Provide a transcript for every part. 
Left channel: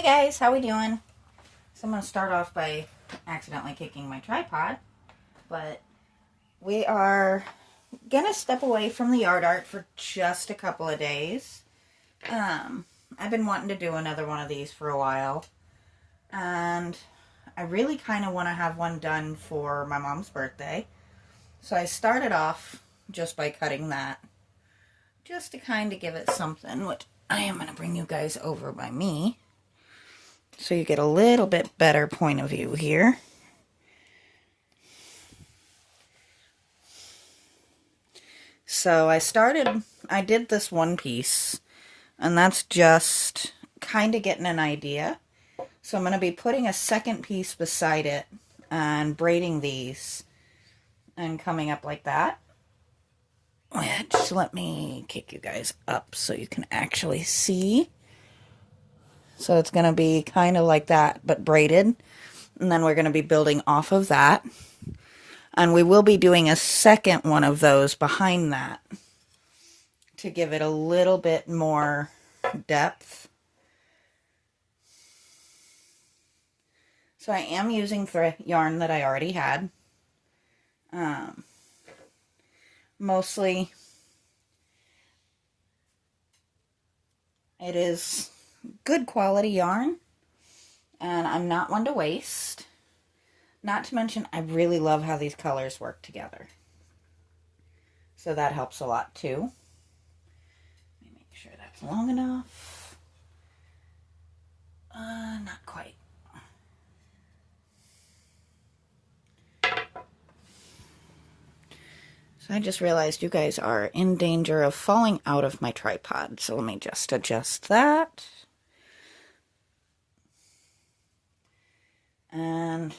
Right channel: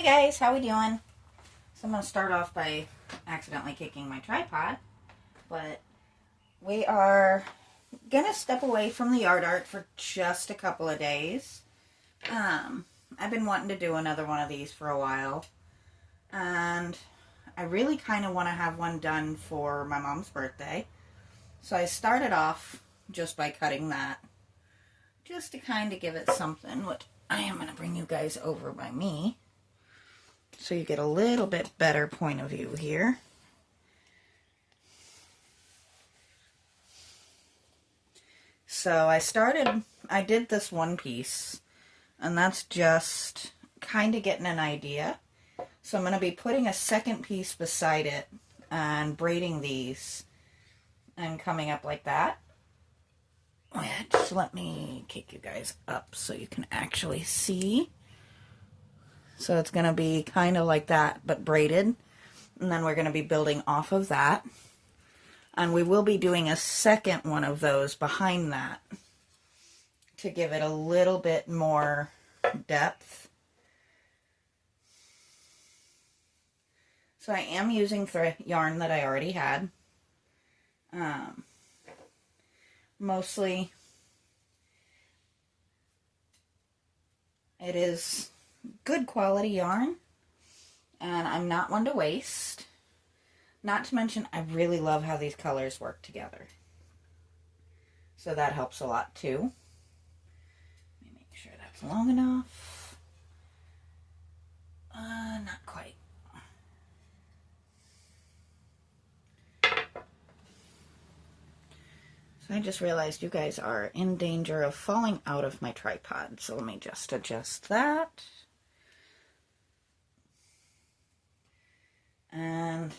Hi guys, how we doing? So I'm going to start off by accidentally kicking my tripod, but we are going to step away from the yard art for just a couple of days. I've been wanting to do another one of these for a while, and I really kind of want to have one done for my mom's birthday. So I started off just by cutting that, just to kind of give it something, which I am going to bring you guys over by me, so you get a little bit better point of view here. So I did this one piece, and that's just kind of getting an idea. So I'm going to be putting a second piece beside it and braiding these and coming up like that. Just let me kick you guys up so you can actually see. So it's going to be kind of like that, but braided. And then we're going to be building off of that. And we will be doing a second one of those behind that to give it a little bit more depth. So I am using yarn that I already had. Mostly it is good quality yarn, and I'm not one to waste. Not to mention, I really love how these colors work together. So that helps a lot too. Let me make sure that's long enough. Not quite. So I just realized you guys are in danger of falling out of my tripod. So let me just adjust that. And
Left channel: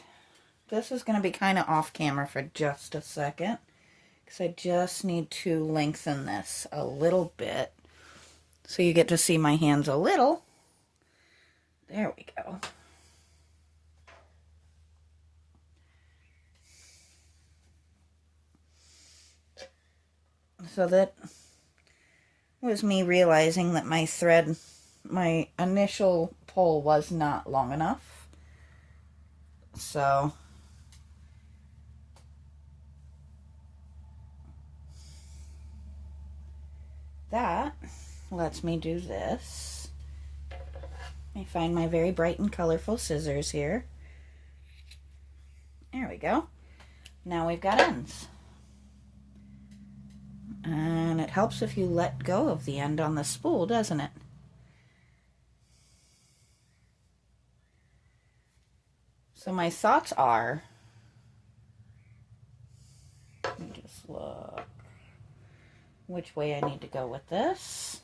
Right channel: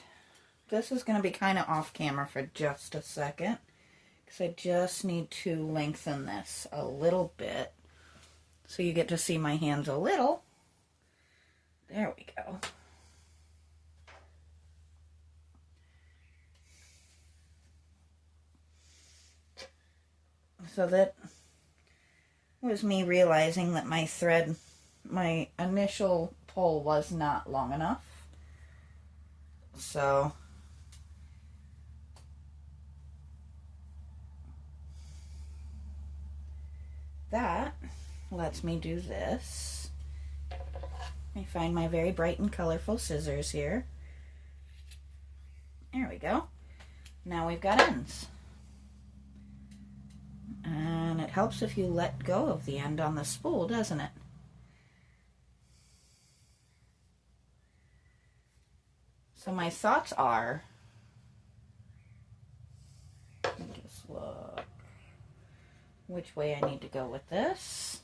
this is going to be kind of off camera for just a second, because I just need to lengthen this a little bit so you get to see my hands a little. There we go. So that was me realizing that my thread, my initial pull was not long enough. So that lets me do this. I find my very bright and colorful scissors here. There we go. Now we've got ends. And it helps if you let go of the end on the spool, doesn't it? So my thoughts are, let me just look which way I need to go with this.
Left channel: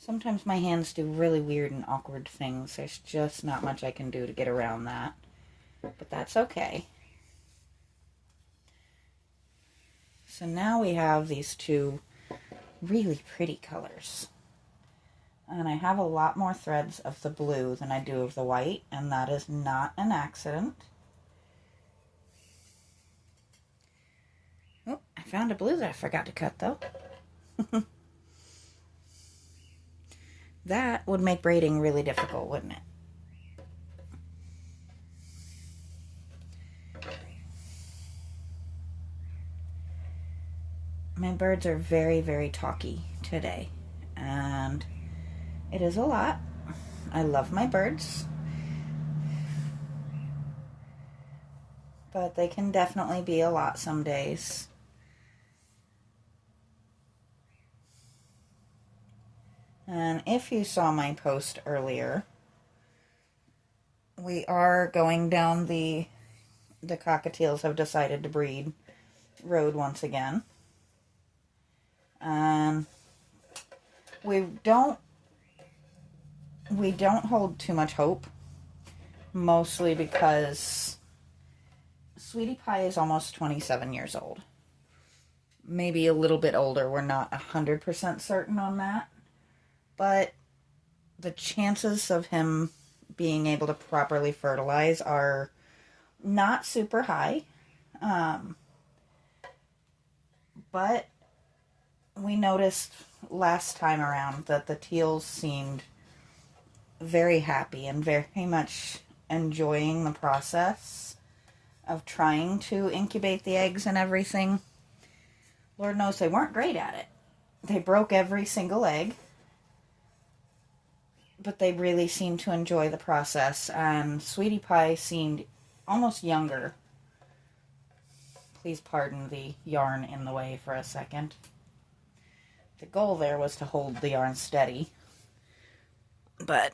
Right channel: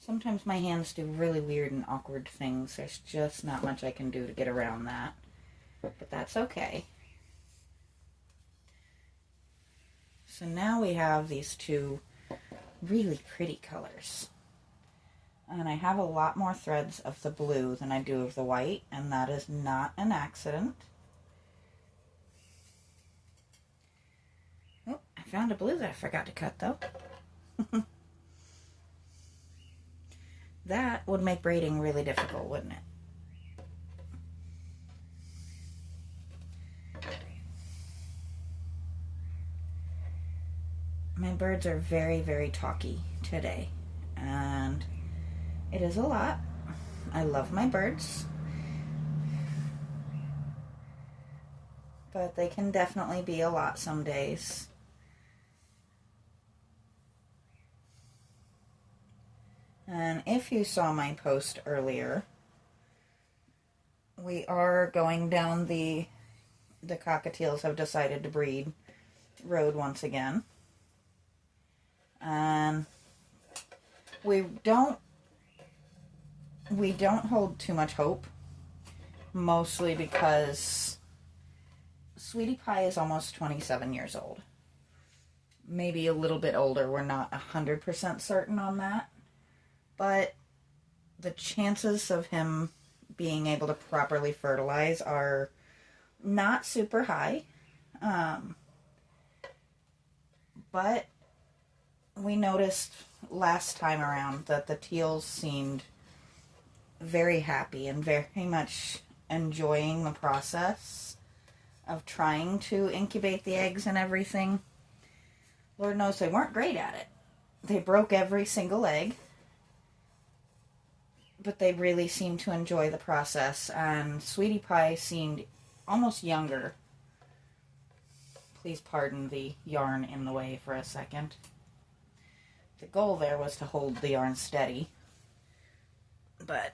Sometimes my hands do really weird and awkward things. There's just not much I can do to get around that. But that's okay. So now we have these two really pretty colors. And I have a lot more threads of the blue than I do of the white, and that is not an accident. Oh, I found a blue that I forgot to cut though. That would make braiding really difficult, wouldn't it? My birds are very, very talky today, and it is a lot. I love my birds, but they can definitely be a lot some days. And if you saw my post earlier, we are going down the cockatiels have decided to breed road once again. We don't hold too much hope, mostly because Sweetie Pie is almost 27 years old. Maybe a little bit older. We're not 100% certain on that. But the chances of him being able to properly fertilize are not super high, but we noticed last time around that the teals seemed very happy and very much enjoying the process of trying to incubate the eggs and everything. Lord knows they weren't great at it. They broke every single egg, but they really seemed to enjoy the process, and Sweetie Pie seemed almost younger. Please pardon the yarn in the way for a second. The goal there was to hold the yarn steady, but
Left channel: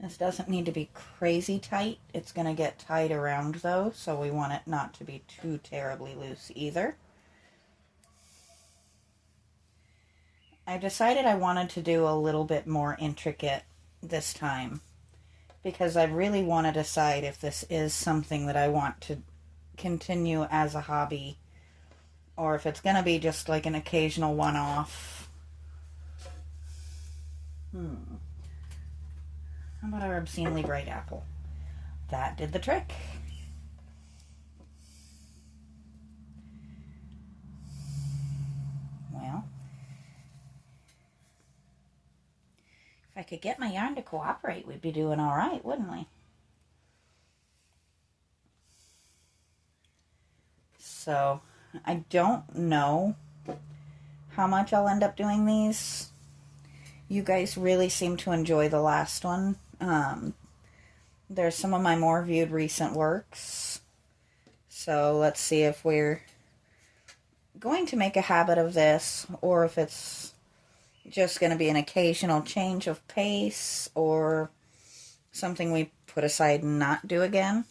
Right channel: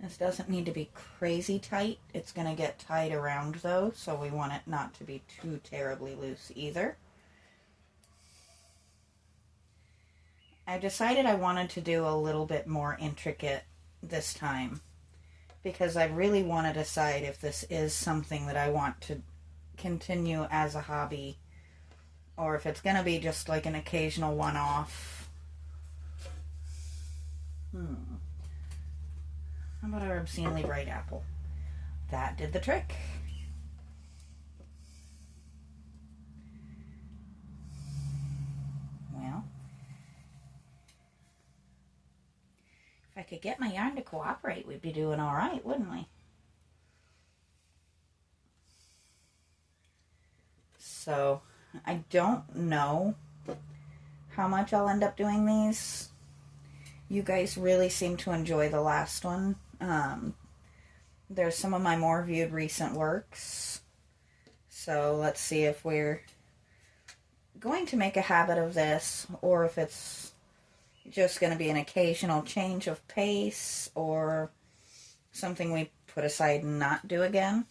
this doesn't need to be crazy tight. It's going to get tied around though, so we want it not to be too terribly loose either. I decided I wanted to do a little bit more intricate this time because I really want to decide if this is something that I want to continue as a hobby or if it's going to be just like an occasional one-off. How about our obscenely bright apple? That did the trick. Well, if I could get my yarn to cooperate, we'd be doing all right, wouldn't we? So, I don't know how much I'll end up doing these. You guys really seem to enjoy the last one. There's some of my more viewed recent works. So let's see if we're going to make a habit of this or if it's just going to be an occasional change of pace or something we put aside and not do again.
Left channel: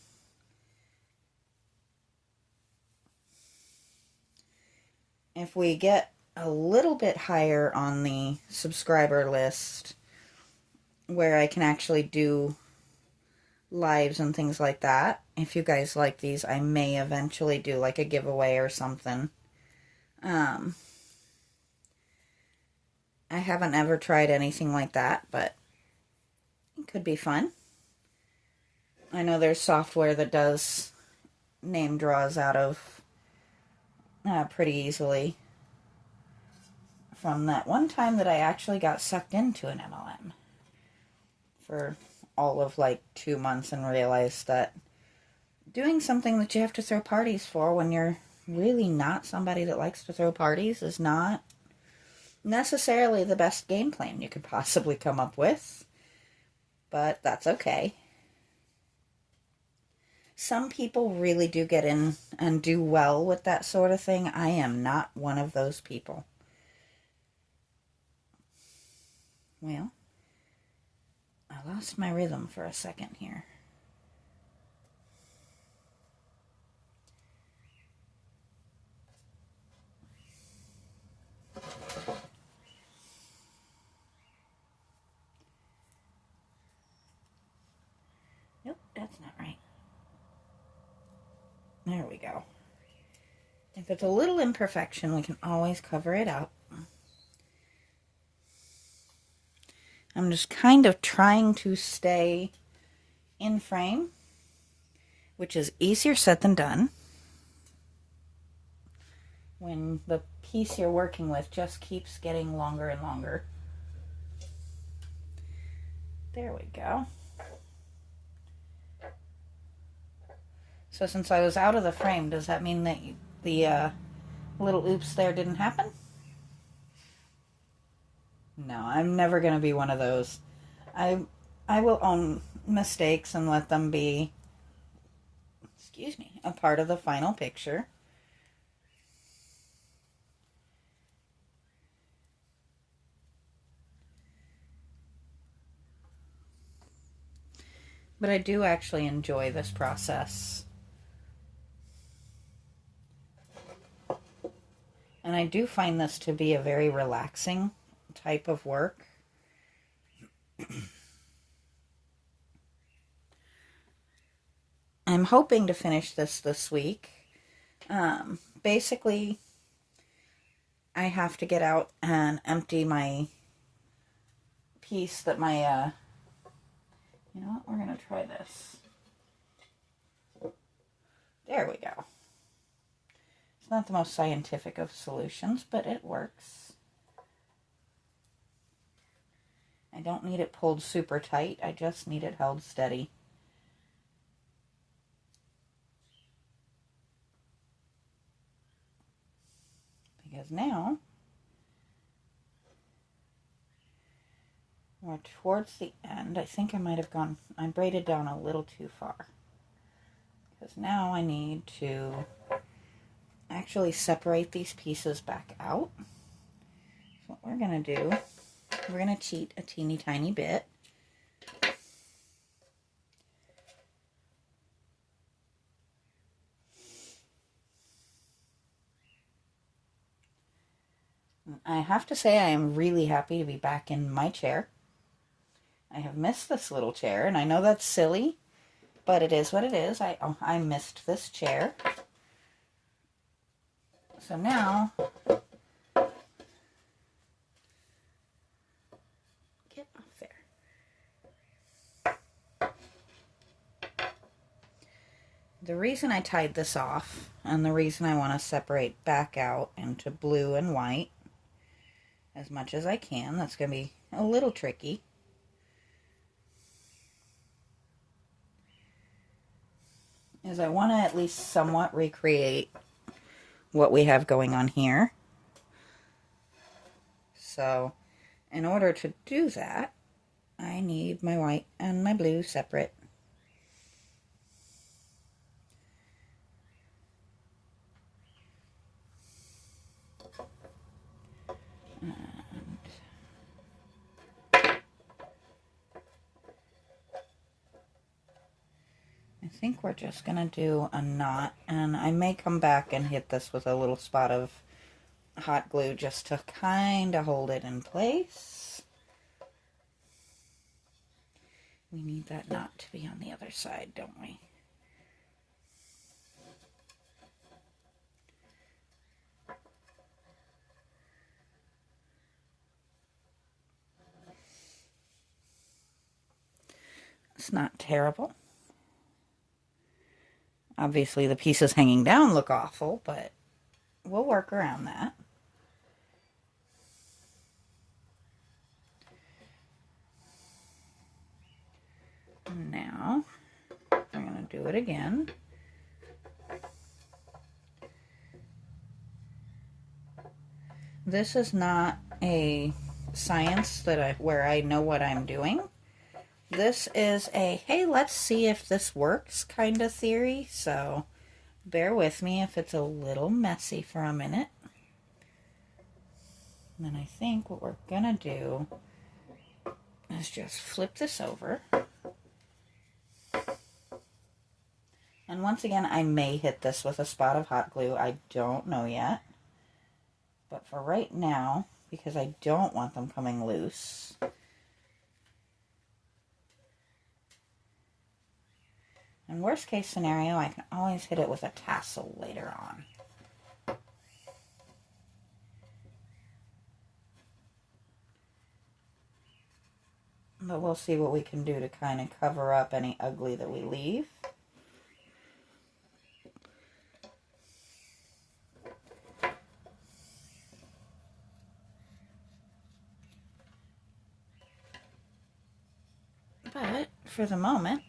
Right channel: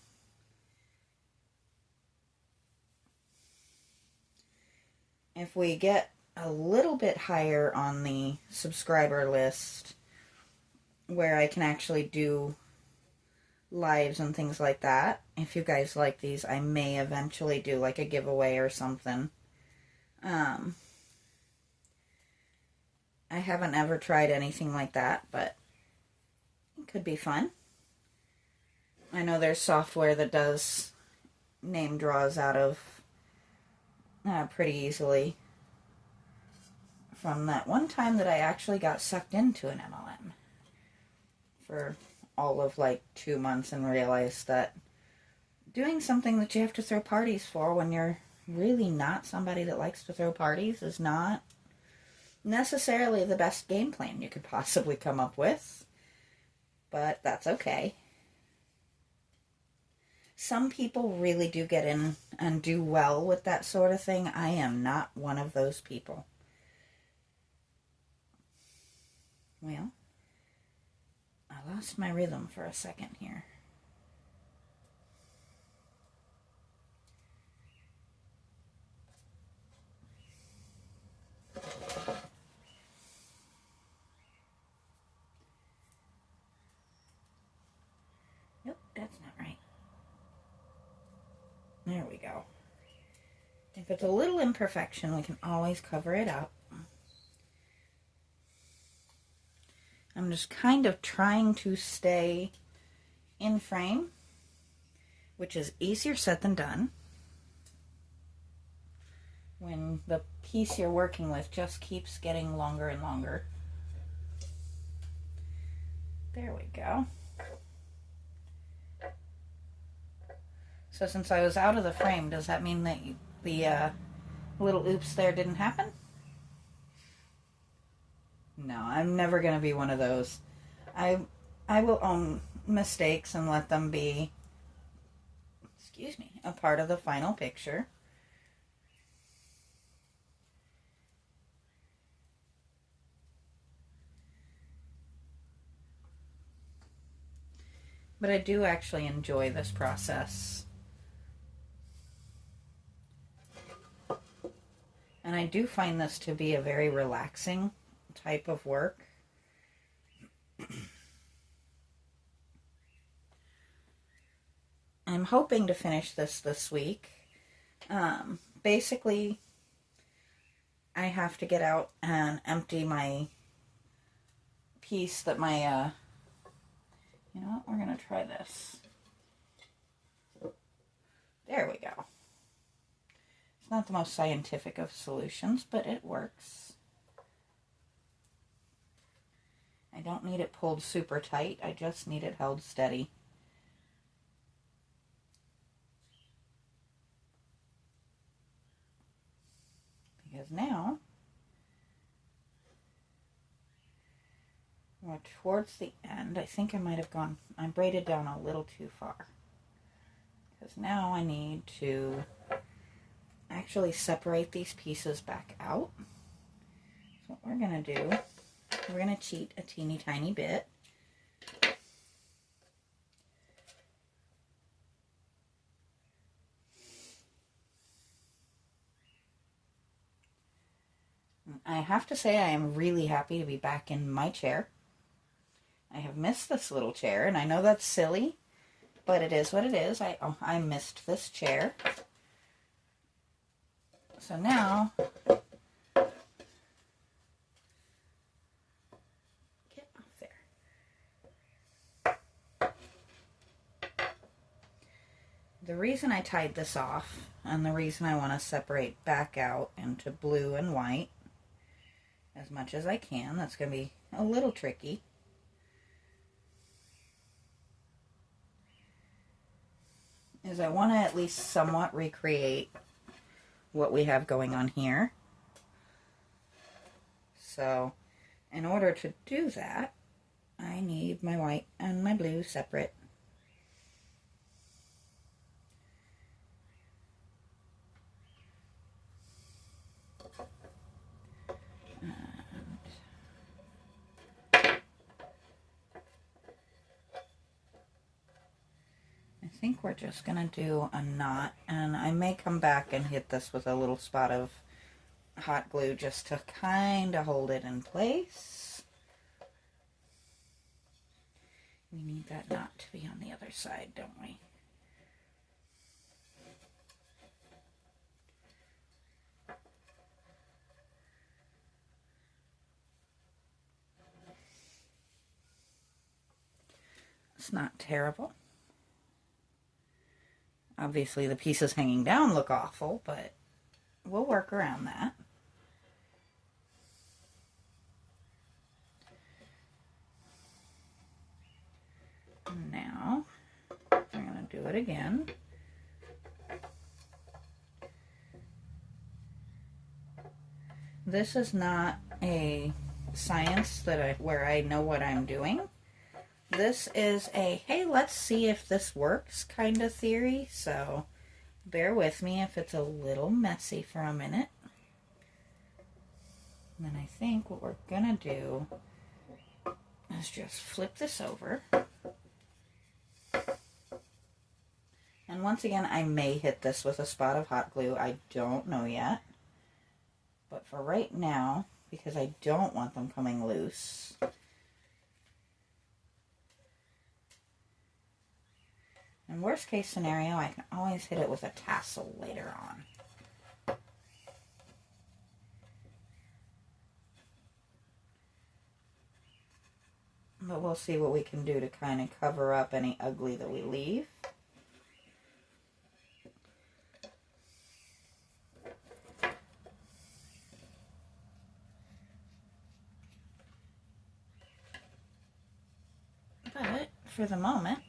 If we get a little bit higher on the subscriber list where I can actually do lives and things like that, if you guys like these, I may eventually do like a giveaway or something. I haven't ever tried anything like that, but it could be fun. I know there's software that does name draws out of pretty easily. From that one time that I actually got sucked into an MLM for all of like 2 months and realized that doing something that you have to throw parties for when you're really not somebody that likes to throw parties is not necessarily the best game plan you could possibly come up with, but that's okay. Some people really do get in and do well with that sort of thing. I am not one of those people. Well, I lost my rhythm for a second here. Nope, that's not right. There we go. If it's a little imperfection, we can always cover it up. I'm just kind of trying to stay in frame, which is easier said than done when the piece you're working with just keeps getting longer and longer. There we go. So since I was out of the frame, does that mean that the little oops there didn't happen? No, I'm never going to be one of those. I will own mistakes and let them be, a part of the final picture. But I do actually enjoy this process. And I do find this to be a very relaxing type of work. I'm hoping to finish this week. Basically, I have to get out and empty my piece that my, you know what, we're going to try this. There we go. It's not the most scientific of solutions, but it works. I don't need it pulled super tight, I just need it held steady. Because now, we're towards the end. I think I might have I braided down a little too far. Because now I need to actually separate these pieces back out. So what we're going to do, we're going to cheat a teeny tiny bit. I have to say I am really happy to be back in my chair. I have missed this little chair, and I know that's silly, but it is what it is. I missed this chair. So now, get off there. The reason I tied this off, and the reason I want to separate back out into blue and white as much as I can, that's going to be a little tricky, is I want to at least somewhat recreate what we have going on here. So in order to do that, I need my white and my blue separate. I think we're just going to do a knot, and I may come back and hit this with a little spot of hot glue just to kind of hold it in place. We need that knot to be on the other side, don't we? It's not terrible. Obviously, the pieces hanging down look awful, but we'll work around that. Now, we're going to do it again. This is not a science where I know what I'm doing. This is a, hey, let's see if this works kind of theory, so bear with me if it's a little messy for a minute. And then I think what we're going to do is just flip this over. And once again, I may hit this with a spot of hot glue. I don't know yet. But for right now, because I don't want them coming loose, in worst case scenario, I can always hit it with a tassel later on. But we'll see what we can do to kind of cover up any ugly that we leave. But for the moment,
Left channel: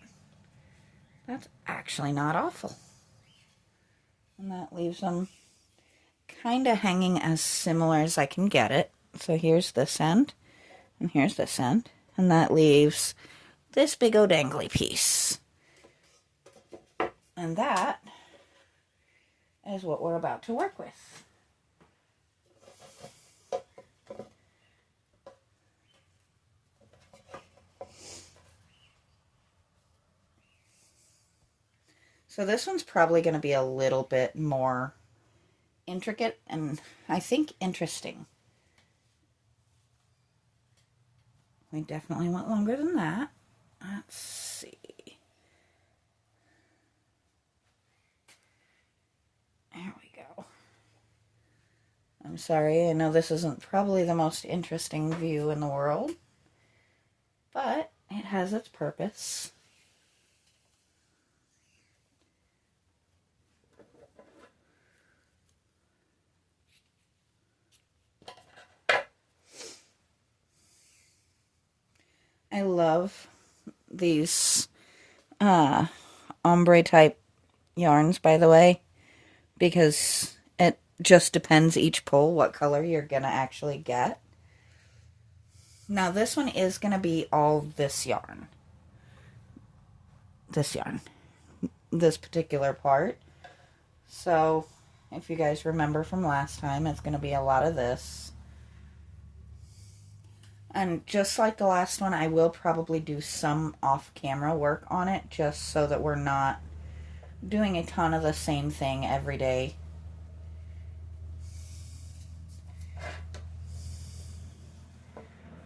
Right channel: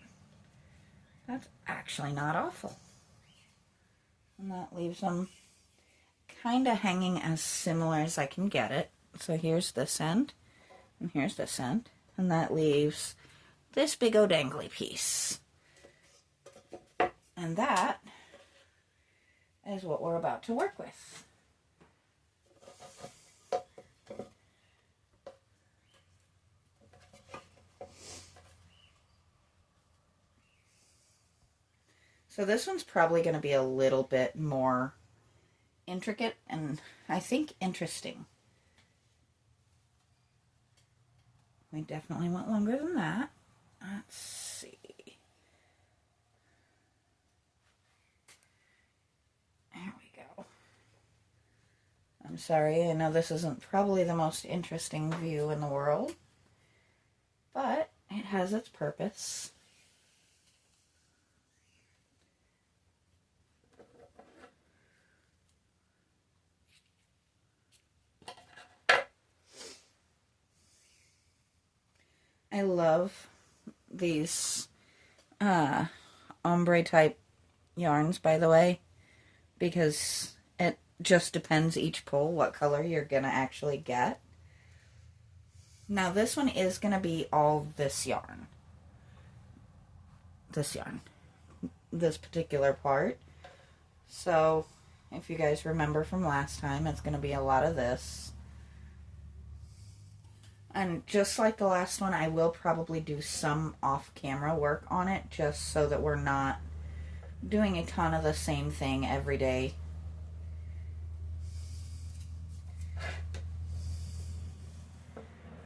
that's actually not awful. And that leaves them kind of hanging as similar as I can get it. So here's this end, and here's this end. And that leaves this big old dangly piece. And that is what we're about to work with. So this one's probably going to be a little bit more intricate and I think interesting. We definitely want longer than that. Let's see. There we go. I'm sorry, I know this isn't probably the most interesting view in the world, but it has its purpose. I love these ombre type yarns, by the way, because it just depends each pull what color you're gonna actually get. Now this one is gonna be all this yarn. This particular part. So if you guys remember from last time, it's gonna be a lot of this. And just like the last one, I will probably do some off-camera work on it, just so that we're not doing a ton of the same thing every day.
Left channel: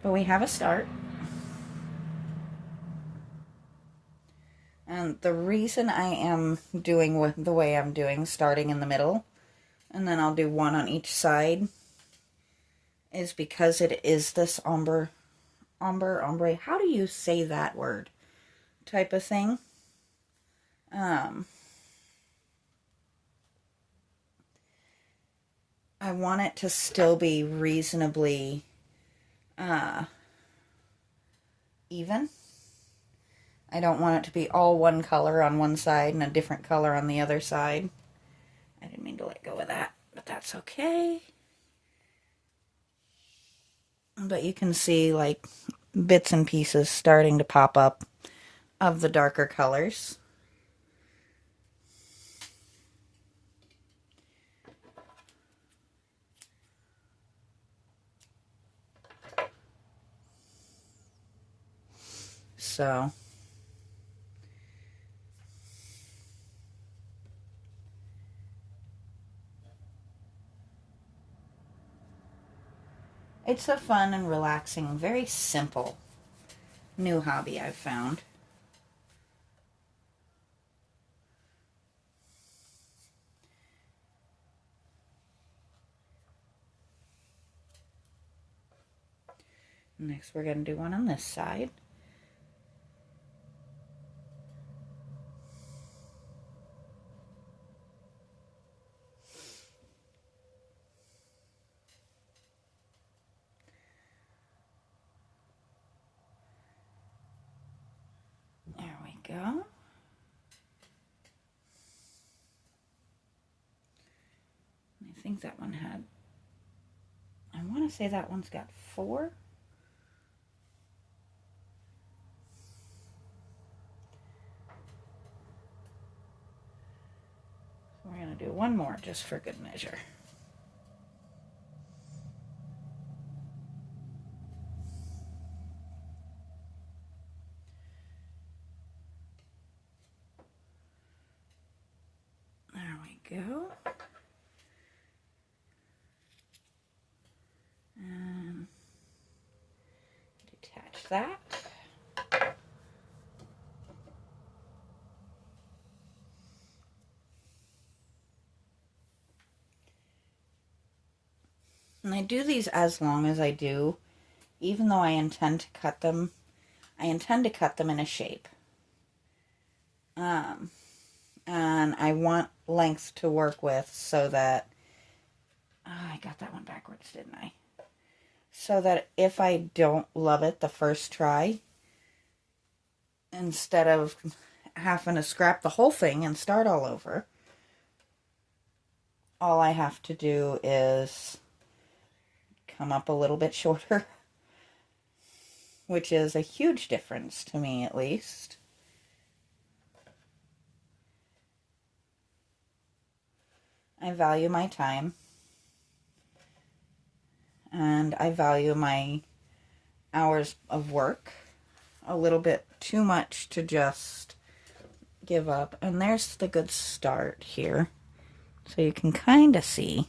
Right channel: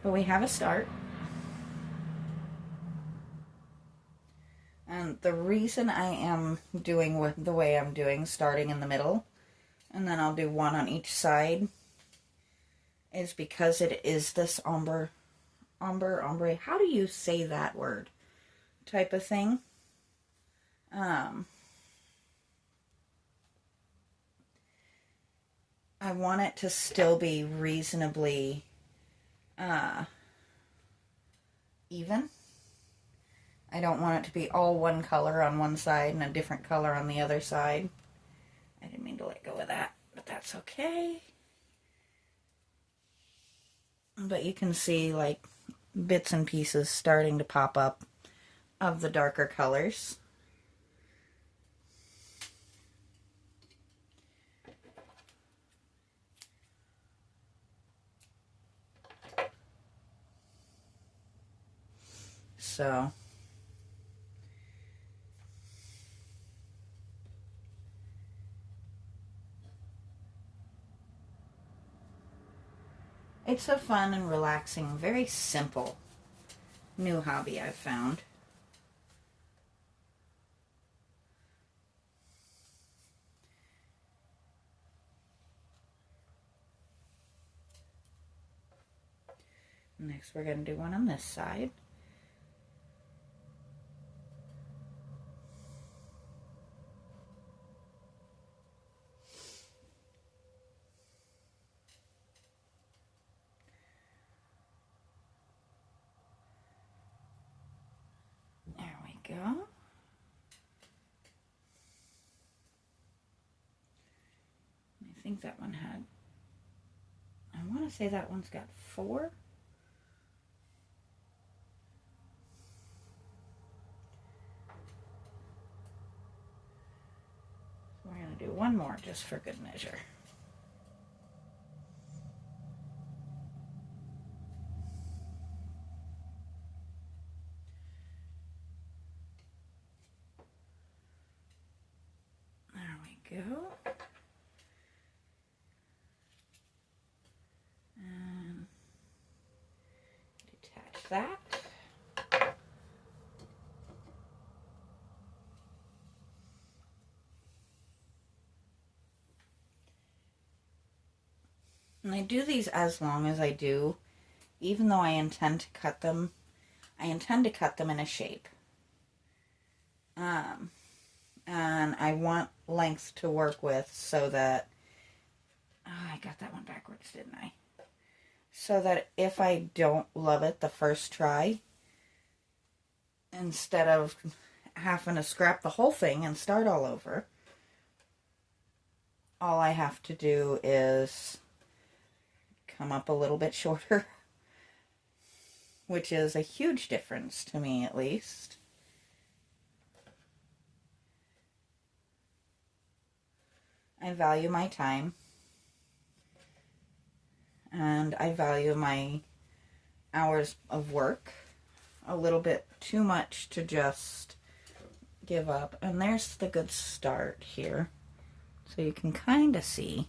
But we have a start. And the reason I am doing with the way I'm doing, starting in the middle, and then I'll do one on each side, is because it is this ombre, how do you say that word? Type of thing. I want it to still be reasonably even. I don't want it to be all one color on one side and a different color on the other side. I didn't mean to let go of that, but that's okay. But you can see like bits and pieces starting to pop up of the darker colors. So it's a fun and relaxing, very simple new hobby I've found. Next we're going to do one on this side. There we go. I think that one had, I want to say that one's got 4. We're going to do one more just for good measure. There we go. And detach that. And I do these as long as I do, even though I intend to cut them. I intend to cut them in a shape. And I want length to work with so that, I got that one backwards, didn't I? So that if I don't love it the first try, instead of having to scrap the whole thing and start all over, all I have to do is come up a little bit shorter, which is a huge difference to me, at least. I value my time, and I value my hours of work a little bit too much to just give up. And there's the good start here, so you can kind of see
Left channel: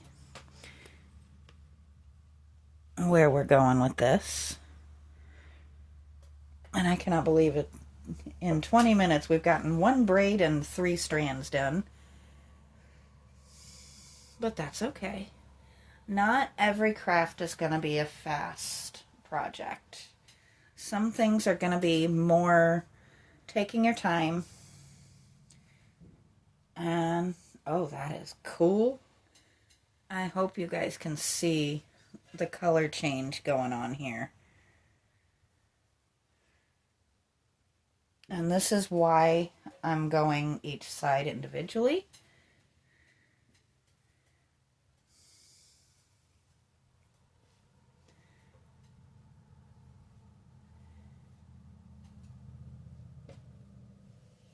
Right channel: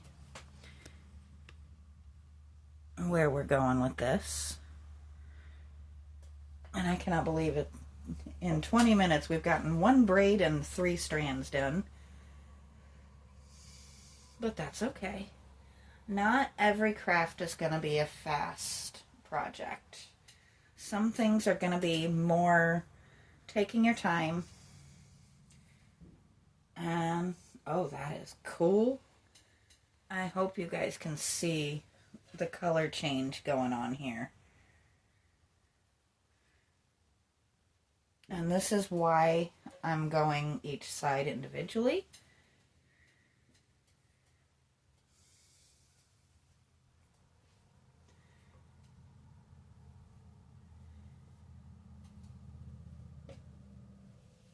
where we're going with this. And I cannot believe it. In 20 minutes, we've gotten 1 braid and 3 strands done. But that's okay. Not every craft is going to be a fast project. Some things are going to be more taking your time. And, oh, that is cool. I hope you guys can see the color change going on here. And this is why I'm going each side individually.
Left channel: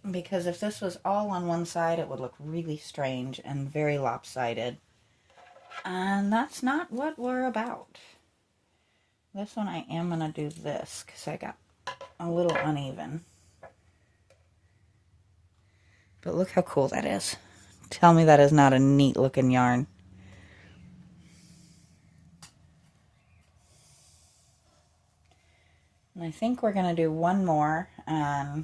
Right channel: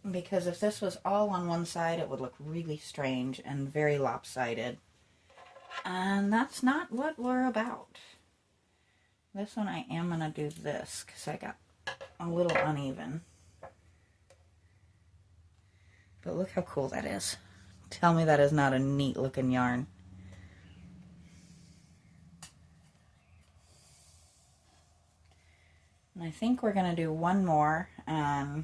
Because if this was all on one side, it would look really strange and very lopsided. And that's not what we're about. This one I am going to do this because I got a little uneven. But look how cool that is. Tell me that is not a neat looking yarn. And I think we're going to do one more and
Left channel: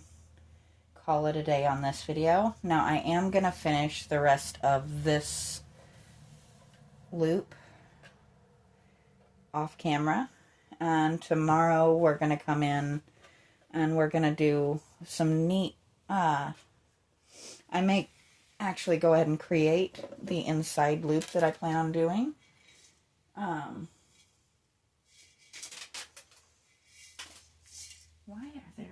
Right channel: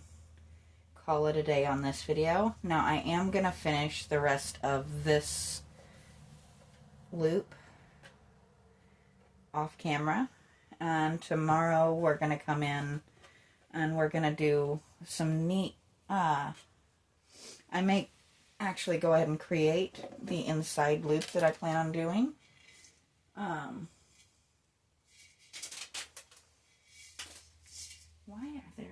call it a day on this video. Now I am going to finish the rest of this loop off camera. And tomorrow we're going to come in and we're going to do some neat, I may actually go ahead and create the inside loop that I plan on doing. Why are there...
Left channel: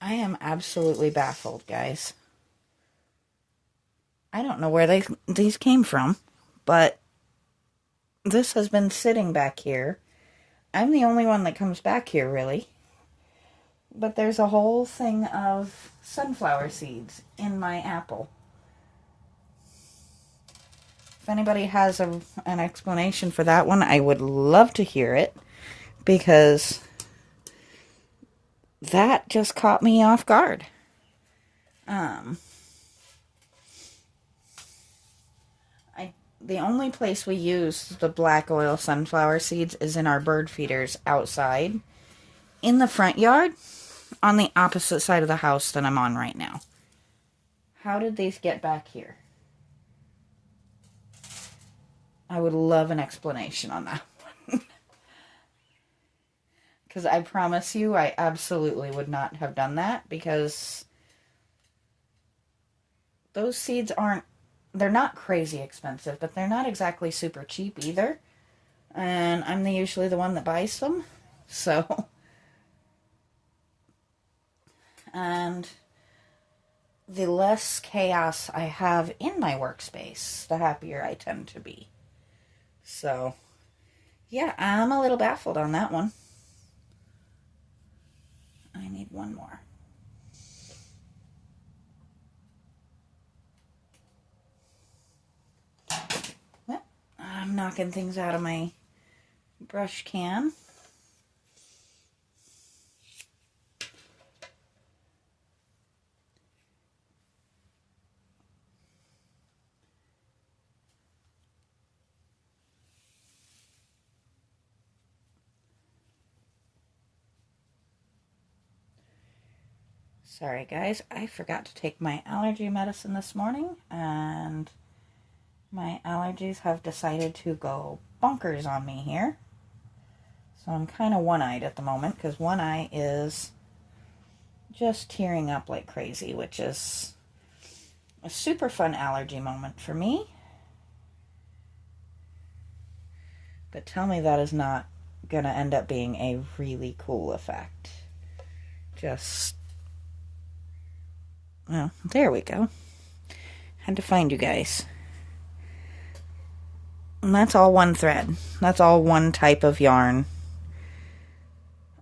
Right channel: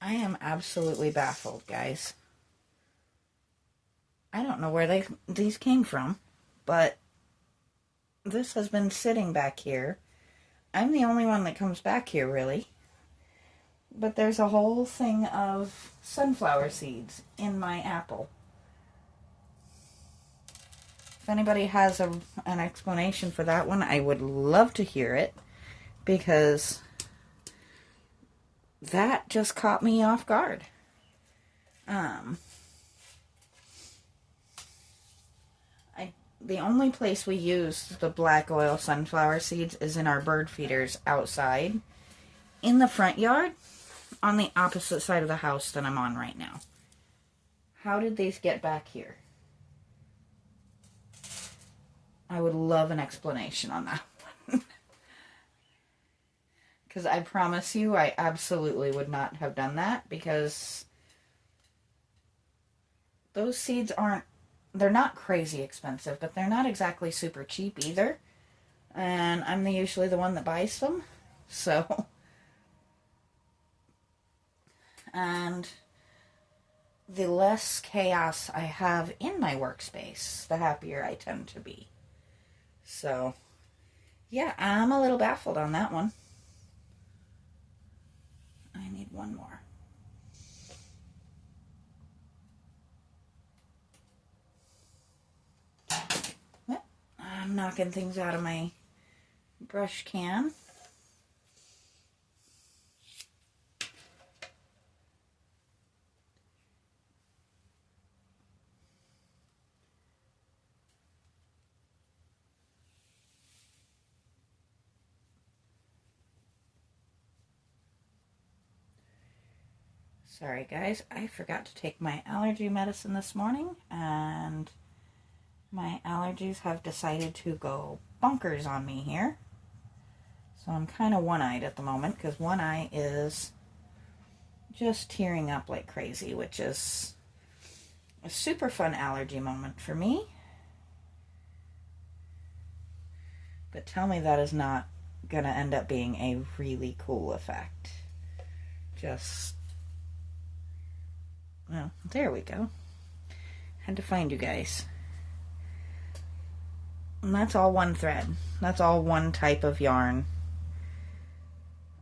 I am absolutely baffled, guys. I don't know where these came from, but this has been sitting back here. I'm the only one that comes back here, really. But there's a whole thing of sunflower seeds in my apple. If anybody has an explanation for that one, I would love to hear it, because that just caught me off guard. The only place we use the black oil sunflower seeds is in our bird feeders outside in the front yard on the opposite side of the house that I'm on right now. How did these get back here? I would love an explanation on that one. Because I promise you, I absolutely would not have done that, because those seeds aren't, they're not crazy expensive, but they're not exactly super cheap either. And I'm usually the one that buys them. So, and the less chaos I have in my workspace, the happier I tend to be. So, yeah, I'm a little baffled on that one. I need one more. I'm knocking things out of my brush can. Sorry guys, I forgot to take my allergy medicine this morning, and my allergies have decided to go bonkers on me here. So I'm kind of one-eyed at the moment, because one eye is just tearing up like crazy, which is a super fun allergy moment for me. But tell me that is not going to end up being a really cool effect. Just... well, there we go. Had to find you guys. And that's all one thread. That's all one type of yarn.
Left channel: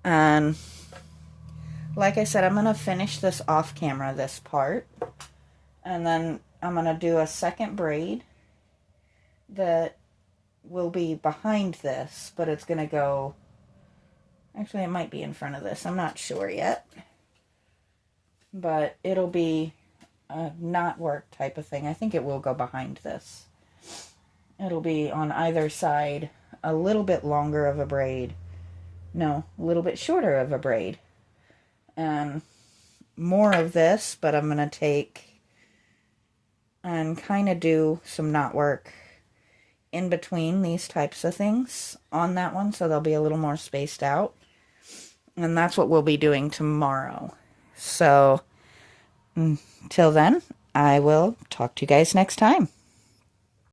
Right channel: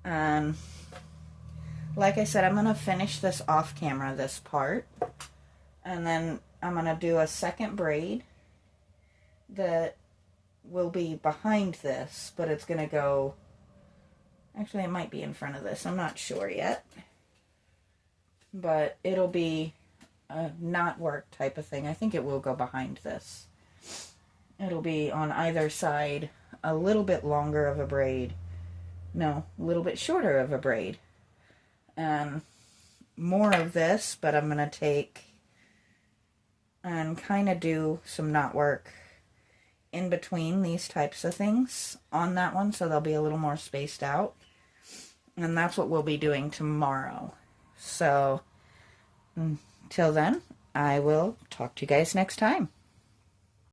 And like I said, I'm going to finish this off camera, this part. And then I'm going to do a second braid that will be behind this, but it's going to go... actually, it might be in front of this. I'm not sure yet. But it'll be a knot work type of thing. I think it will go behind this. It'll be on either side a little bit longer of a braid. No, a little bit shorter of a braid. And more of this, but I'm going to take and kind of do some knot work in between these types of things on that one, so they'll be a little more spaced out. And that's what we'll be doing tomorrow. So, till then, I will talk to you guys next time.